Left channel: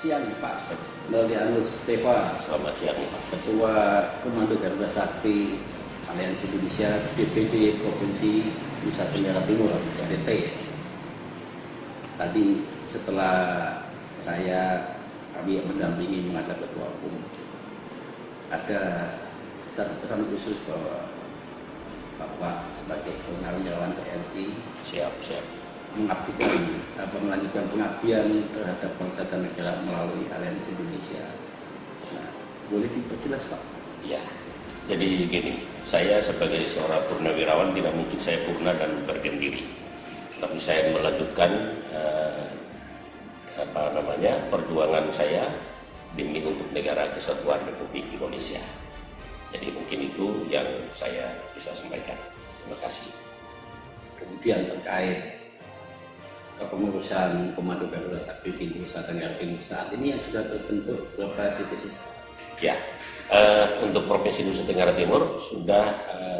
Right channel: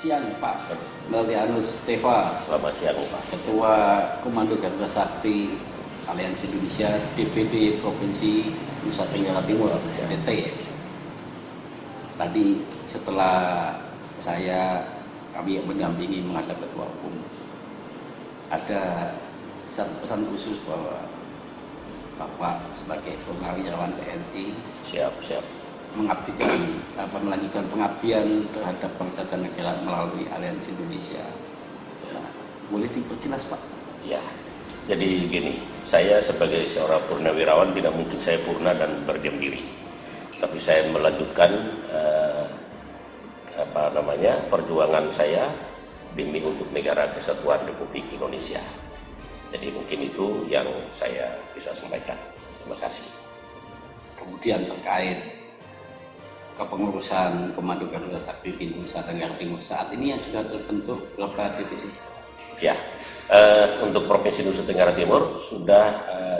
siang Pak Melianus Steva. Selamat siang Pak. Ketua Komando Garuda Sakti Aliansi Indonesia DPD Provinsi Nusa Tenggara Timur NTT. Tadi setelah kami mendampingi menghadap Ketua Umum, ada satu pesan khusus bahwa Bapak sebagai purnawirawan TNI Siap. melanjutkan pengabdian terhadap bangsa dan negara melalui Aliansi Indonesia. Nah, boleh diperjelas Pak? Ya, jadi gini, saya sebagai seorang purnawirawan tidak mungkin saya purna dan berdiam diri, tapi saya melanjutkan perjuangan saya demi untuk negara kesatuan Republik Indonesia. Jadi mungkin itu yang saya bisa sampaikan. Terima kasih. Kemudian terkait kepengurusan Komando Garuda Sakti di Nusa Tenggara Timur saat ini yang sudah terbentuk berapa divisi? Ya, untuk Provinsi Nusa Tenggara Timur sudah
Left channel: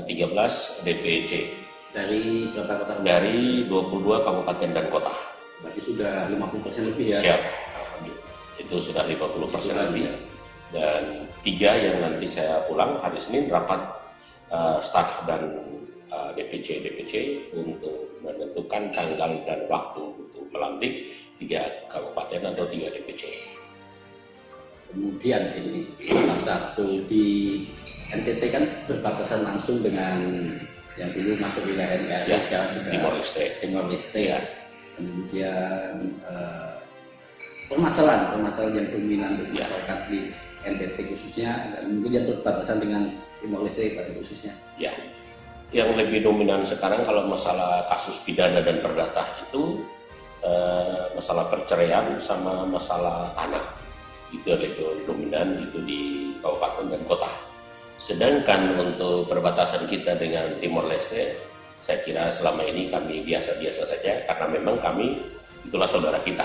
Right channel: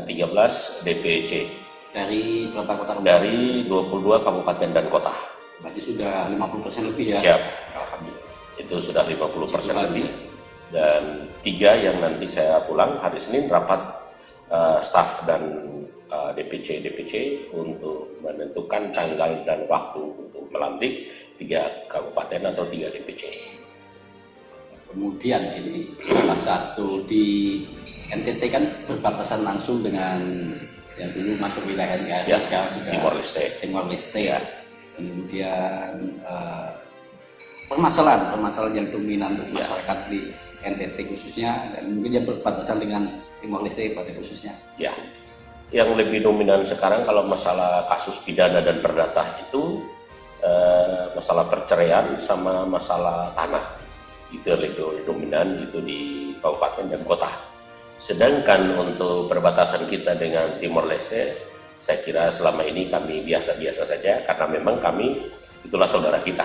13 DPC. Dari berapa kota? Dari 22 kabupaten dan kota. Berarti sudah 50% lebih ya? Siap, alhamdulillah. Itu sudah 50% lebih. Dan 3 yang nanti saya pulang hari Senin rapat staf dan DPC untuk menentukan tanggal dan waktu untuk melantik 3 kabupaten atau 3 DPC. Kemudian ini salah satu di NTT kan berbatasan langsung dengan yang dulu masuk wilayah NKRI ya, sekarang juga Timor Leste ya. Kemudian permasalahan yang dominan untuk masyarakat di NTT khususnya dan mungkin yang berbatasan dengan Timor Leste pada khususnya. Ya, yang lebih dominan sekarang kalau masalah kasus pidana dan perdata itu masalah perceraian sama masalah tanah. Itu lebih dominan itu di kabupaten dan kota. Sedangkan untuk perbatasan kita dengan Timor Leste, saya kira selama ini kami biasa-biasa saja karena memang kami itulah saudara kita.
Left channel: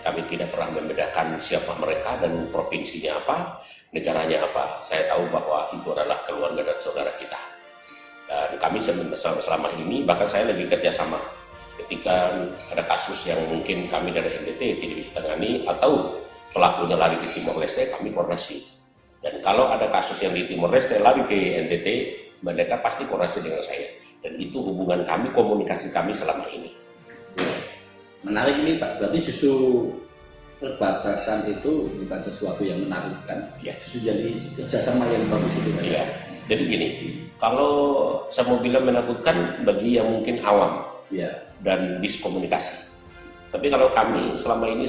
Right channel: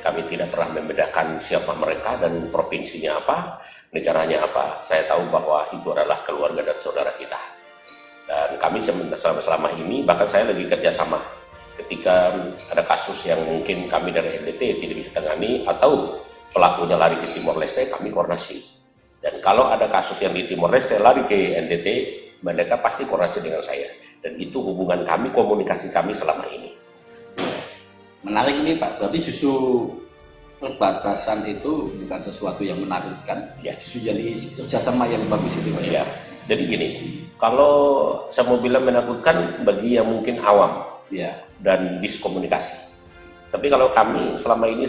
Kami tidak pernah membedakan siapa mereka dan provinsinya apa, negaranya apa. Saya tahu bahwa itu adalah keluarga dan saudara kita. Dan kami selama ini bahkan saya lebih kerjasama. Ketika ada kasus yang mungkin kami dari NTT tidak bisa tangani atau pelakunya lari ke Timor Leste, kami koordinasi. Dan kalau ada kasus yang di Timor Leste lari ke NTT, mereka pasti koordinasi dengan saya. Dan itu hubungan kami, komunikasi kami selama ini. Menarik ini Pak, berarti justru perbatasan itu bukan sesuatu yang menakutkan, ya justru jadi kerjasama yang bagus itu Pak ya. Jadi gini, kalau saya mau bilang menakutkan bagi yang mungkin awam ya dan miskomunikasi. Tapi kalau kami selama ini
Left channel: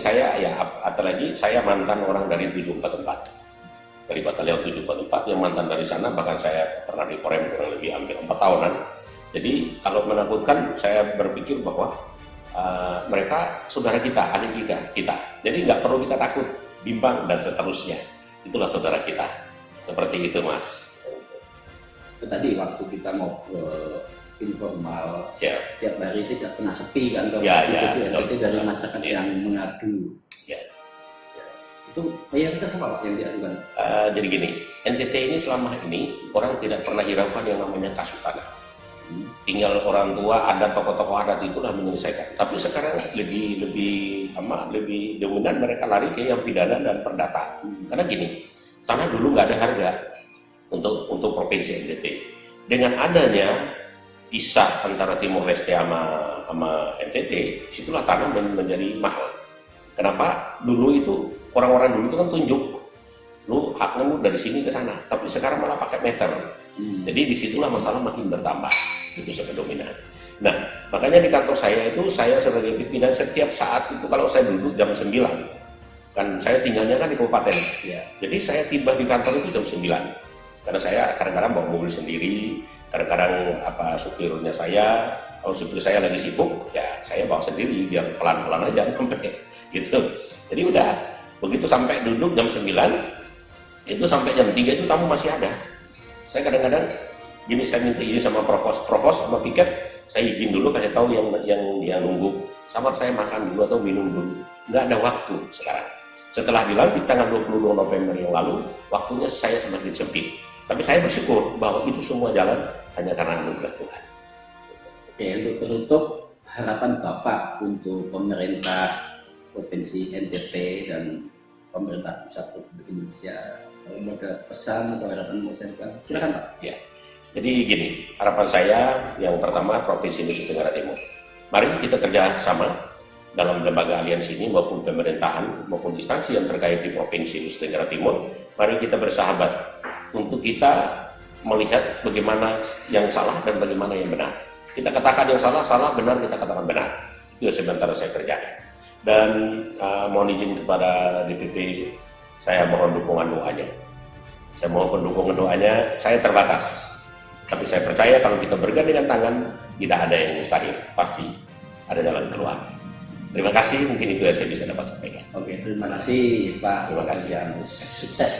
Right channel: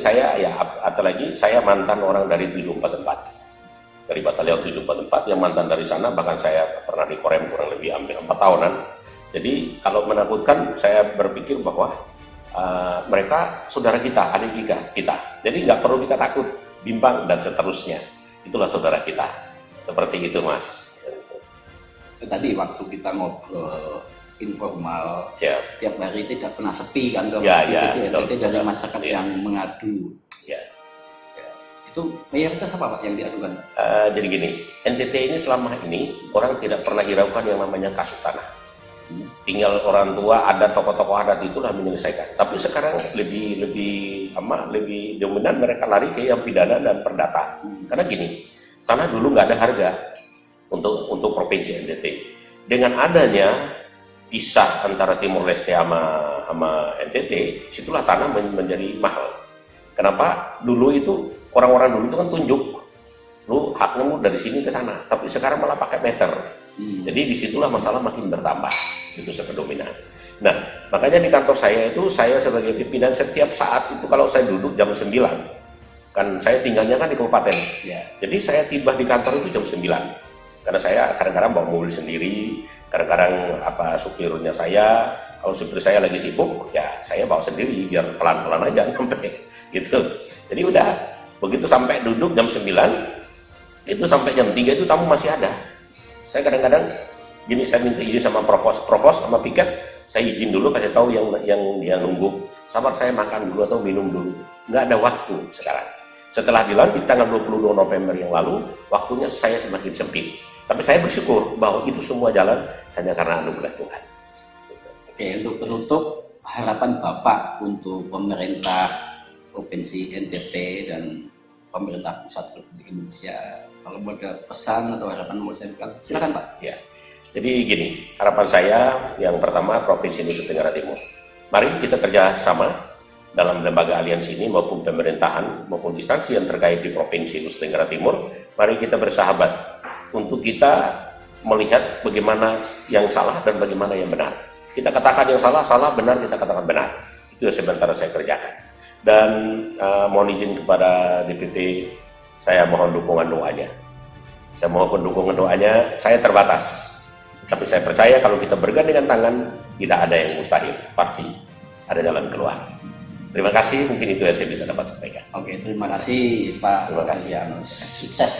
apalagi saya mantan orang dari 744, dari Batalion 744 yang mantan dari sana, bahkan saya pernah di Korem kurang lebih hampir 4 tahunan. Jadi kalau menakutkan saya berpikir bahwa mereka saudara kita, adik kita. Jadi nggak perlu kita takut, bimbang dan seterusnya. Itulah saudara kita. Seperti itu Mas. Tadi waktu kita ngobrol informal, tiap hari tidak pernah sepi kan kalau NTT dari masyarakat yang mengadu. Itu mayoritas apa Pak yang diadukan? Jadi gini, NTT ini selama ini orang tidak pernah hiraukan yang namanya kasus tanah. Tinggal orang tua, ada tokoh-tokoh adat itulah menyelesaikan. Tapi sekarang lebih dominan mereka lari ke yang pidana dan perdata. Karena gini, tanah dulu nggak ada harga untuk provinsi NTT. Dengan adanya pisah antara Timor Leste sama NTT, situlah tanah menjadi mahal. Kenapa? Dulu itu orang-orang dulu itu kan tunjuk, lu hakmu dari sini ke sana. Tapi sekarang malah pakai meter. Jadi disitulah masalah makin bertambah. Itu sangat dominan. Nah, makanya di kantor saya itu, saya sebagai pimpinan setiap saat itu kalau saya duduk jam 9, kan saya tinggalnya kan di kabupaten. Jadi saya tiba di kantor itu jam 9. Karena saya kadang-kadang bawa mobil sendiri, kadang-kadang supirnya saya, kalau supir saya lagi sibuk, ya saya bawa sendiri biar pelan-pelan aja sampai gitu. Jadi udah begitu sampai duduk jam 9, itu sampai jam 3 itu tamu masih ada. Saya kadang-kadang gini, saya minta izin sama provos sama piket, saya izin dulu kasih tahu yang dia nunggu, sabar saya makan dulu atau minum dulu. Nggak ada waktu sekarang. Setelah dilantik tanggal 22 November yang lalu, waktunya saya semakin sempit. Tapi saya bersyukur bahwa itu semua jalan hanya karena anugerah Tuhan. Oke, untuk penutup, harapan Bapak untuk pemerintah Provinsi NTT dan pemerintah pusat Republik Indonesia. Kalau mau ada pesan atau harapan mau saya sampaikan, silakan Pak. Ya. Jadi gini, harapan saya yang pertama Provinsi Nusa Tenggara Timur. Mari kita kerjasama dalam lembaga aliansi ini maupun pemerintahan maupun instansi yang terkait di Provinsi Nusa Tenggara Timur. Mari kita bersahabat untuk kita melihat bagaimana yang salah dan bagaimana yang benar. Kita katakan yang salah, salah, benar, kita katakan benar. Itu yang sementara saya kerjakan. Dan mohon izin kepada DPT, saya mohon dukungan doanya. Saya mohon dukungan doanya, saya terbatas. Tapi saya percaya kalau kita bergandengan tangan, tidak ada yang mustahil. Pasti ada jalan keluar. Terima kasih, mungkin itu yang saya bisa dapat sampaikan. Oke, terima kasih Pak. Terima kasih. Sukses.